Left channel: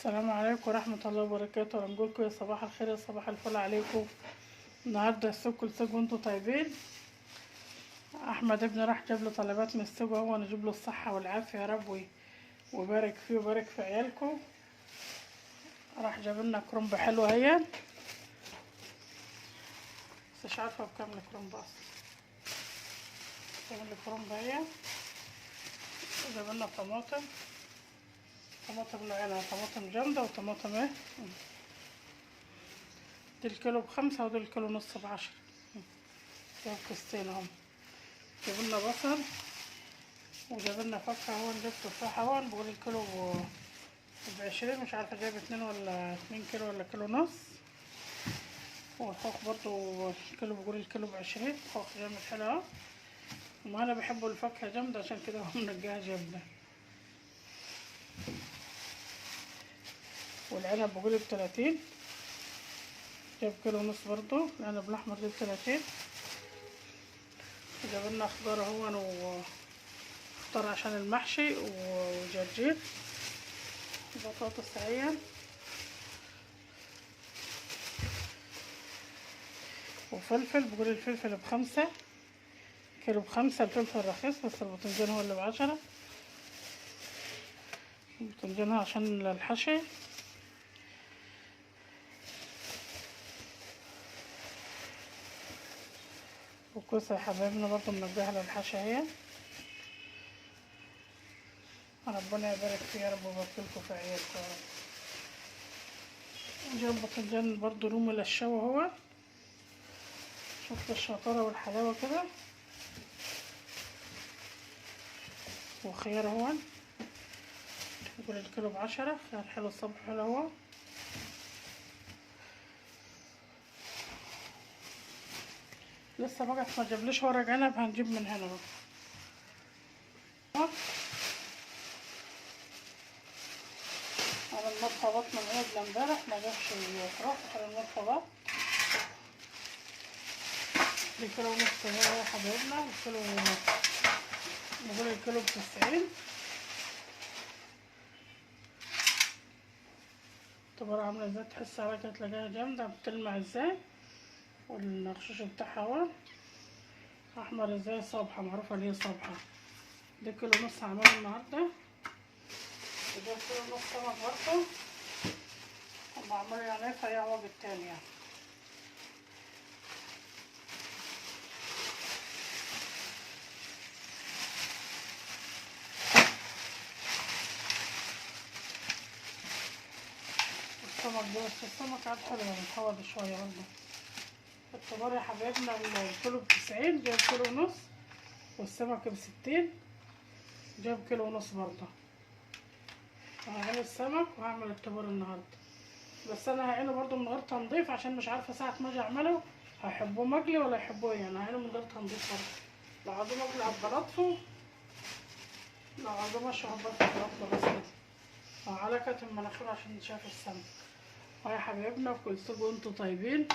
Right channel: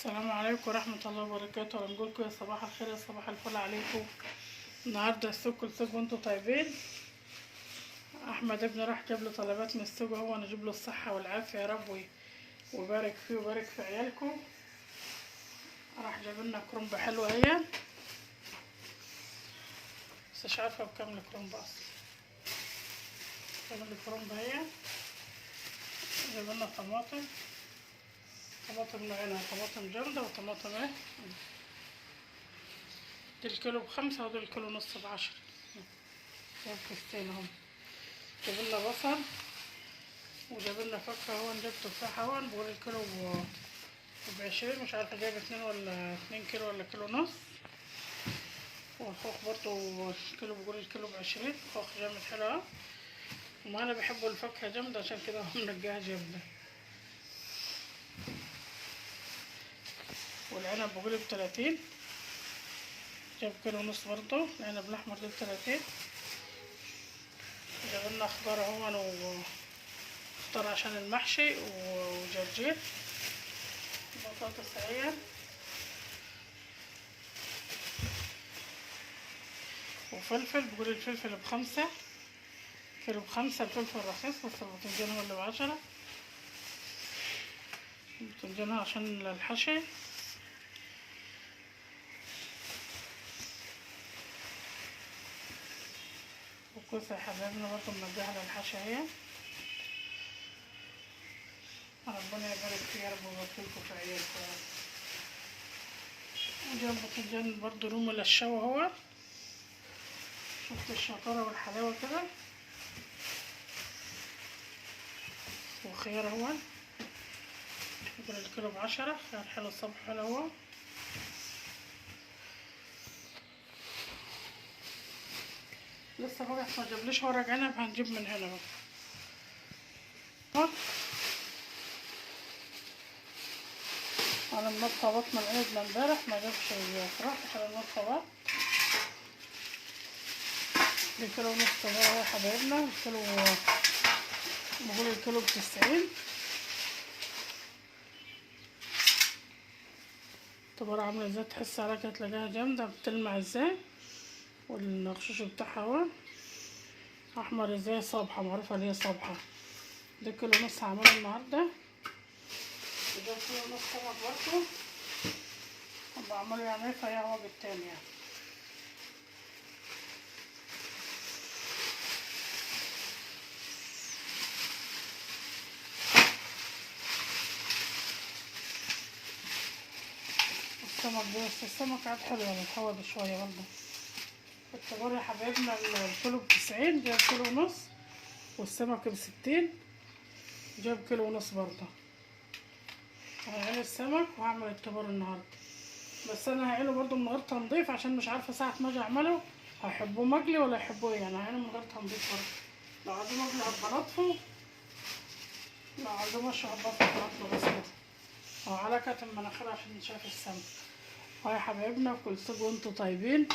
السلام عليكم ورحمة الله وبركاته. هنقولكم يا صباح الخير يا صباح الفل عليكم. النهاردة السوق كل سوق وانتوا طيبين. احمد ابني راح جاب له طلبات من السوق، هو نجيب له الصحة والعافية يا رب ويبارك فيه ويبارك في عيالكم. راح جاب لنا كرنب حلو اهي، بس مش عارفة بكام الكرنب اصلا. جاب لنا كرنب اهي، جاب لنا طماطم نوعين، طماطم جامدة وطماطم ايه، دي الكيلو ب5 ودي الكيلو نص ب10. جاب كيستين اهم. جابوا لنا بصل وجابوا لنا فاكهة، هو جاب تفاحة هون بقول الكيلو ب20، مش عارفة جايبة 2 كيلو ولا كيلو ونص. والخوخ برضو الكيلو بقول الكيلو ب20، خوخ جامد حلو اهو. وما انا بحب الفاكهة جامدة عشان كده هو منقاها جامدة. والعنب بقول ب30، جاب كيلو ونص برضو. العنب الاحمر ده ب30. جاب لنا خضار اهون وخضار عشان المحشي وجرجير بطاطس اهي وفلفل. بقول الفلفل ب5، كيلو ب5. الفلفل رخيص بس الباذنجان هو اللي ب10. الباذنجان هو عشان الحشي. وكوسة يا حبايبنا برضه منجهة للحشي اهي. ربنا يبارك فيها يا رب ويباركلكوا في عيالكم. جاب باذنجان برضه رومي للشوا اهو. شفت الشطارة والحلاوة كده. وخيار اهو، بقول الكيلو ب10. خيار حلو الصبح حلو اهو. لسه بقى ما جابليش ورق عنب، هنجيب من هنا بقى. انا المرطبات من العنب لامبارح ما جابش الفراخ، على المرطبات الكيلو ونص اهو يا حبايبنا. الكيلو بقول الكيلو ب90. الطبارة عاملة ازاي، تحس عليها كده تلاقيها جامدة بتلمع ازاي، والنقشوش بتاعها اهو احمر ازاي، صابحة معروفة اللي هي صابحة. ده كيلو ونص هعمله النهاردة. وده كيلو ونص سمك برضه بعمله يعني فهي هو بالتاني يعني. السمك ده بس السمك عاد حلو متحوج شوية برضه. الطبار يا حبايبنا الكيلو ب90، جاب كيلو ونص. والسمك ب60، جاب كيلو ونص برضه. هعمل السمك وهعمل الطبار النهارده، بس انا هعمله برضه من غير تنظيف عشان مش عارفه ساعه ما اجي اعمله هيحبوه مقلي ولا يحبوه ايه. يعني هعمله من غير تنظيف برضه. لو عايزين مقلي هبطفه، لو عايزين مشوي هبطفه بس كده. وعلى كتم المناخير عشان نشاف السمك. يا حبايبنا كل سنه وانتم طيبين.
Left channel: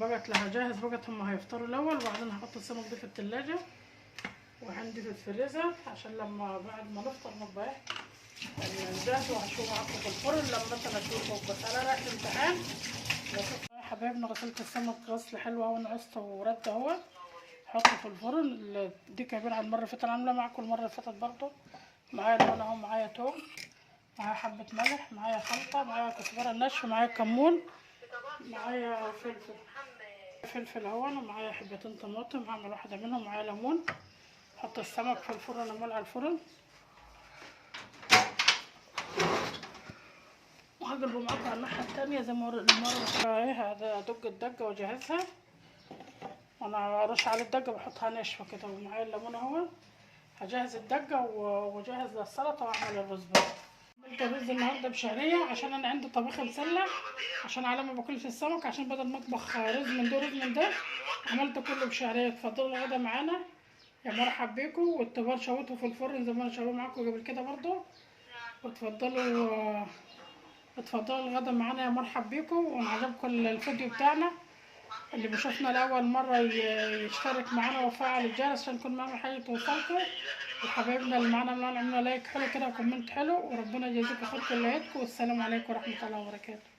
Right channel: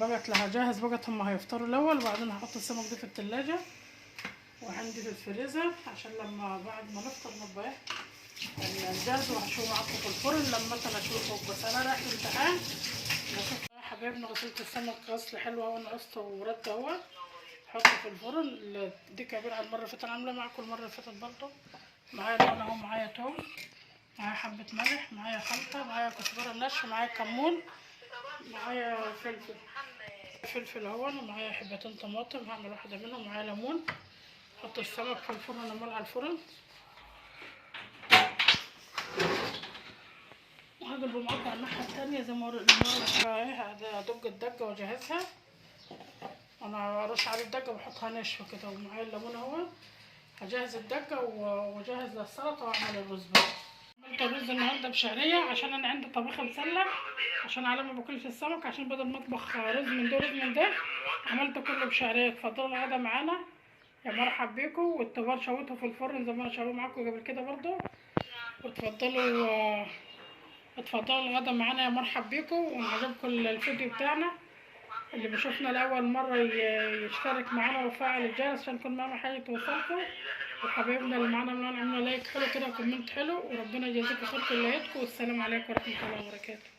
بقت هجهز بقت، هما هيفطروا الاول وبعدين هحط السمك ده في التلاجة وعندي في الفريزر عشان لما بعد ما نفطر نبقى نجهزه. وهشوفه معاكم في الفرن لما مثلا اشوفه. بس انا رايح الامتحان بشوف يا حبايبنا. غسلت السمك غسل حلو اهو، نقصته ورده اهو. حطه في الفرن. دي كبير عن المره اللي فاتت، انا عامله معاكم المره اللي فاتت برضه. معايا لون اهو، معايا توم، معايا حبه ملح، معايا خلطه، معايا كزبره ناشفه، معايا كمون، معايا فلفل اهون، ومعايا حبتين طماطم هعمل واحده منهم، معايا ليمون. احط السمك في الفرن امال على الفرن وهقلبه معاكم على الناحيه التانيه زي ما المره ايه. ادق الدقه واجهزها. انا ارش على الدقه بحطها ناشفه كده. ومعايا الليمون اهو. هجهز الدقه واجهز للسلطه واعمل الرز بقى. عملت الرز النهارده بشعريه عشان انا عندي طبيخ مسلح، عشان على ما باكلش السمك، عشان بدل ما اطبخ رز من ده رز من ده عملته كله بشعريه. اتفضلوا الغدا معانا يا مرحب بيكم. والطبار شويته في الفرن زي ما انا شويه معاكم قبل كده برضو. اتفضلوا الغدا معانا يا مرحب بيكم. وعجبكم الفيديو بتاعنا اللي بيشوفنا لأول مرة يشترك معانا ويفعل الجرس عشان كل ما نعمل حاجة توصلكم. وحبايبنا اللي معانا عملنا لايك حلو كده وكومنت حلو، وربنا يجازيكم خير كلياتكم، والسلام عليكم ورحمة الله وبركاته.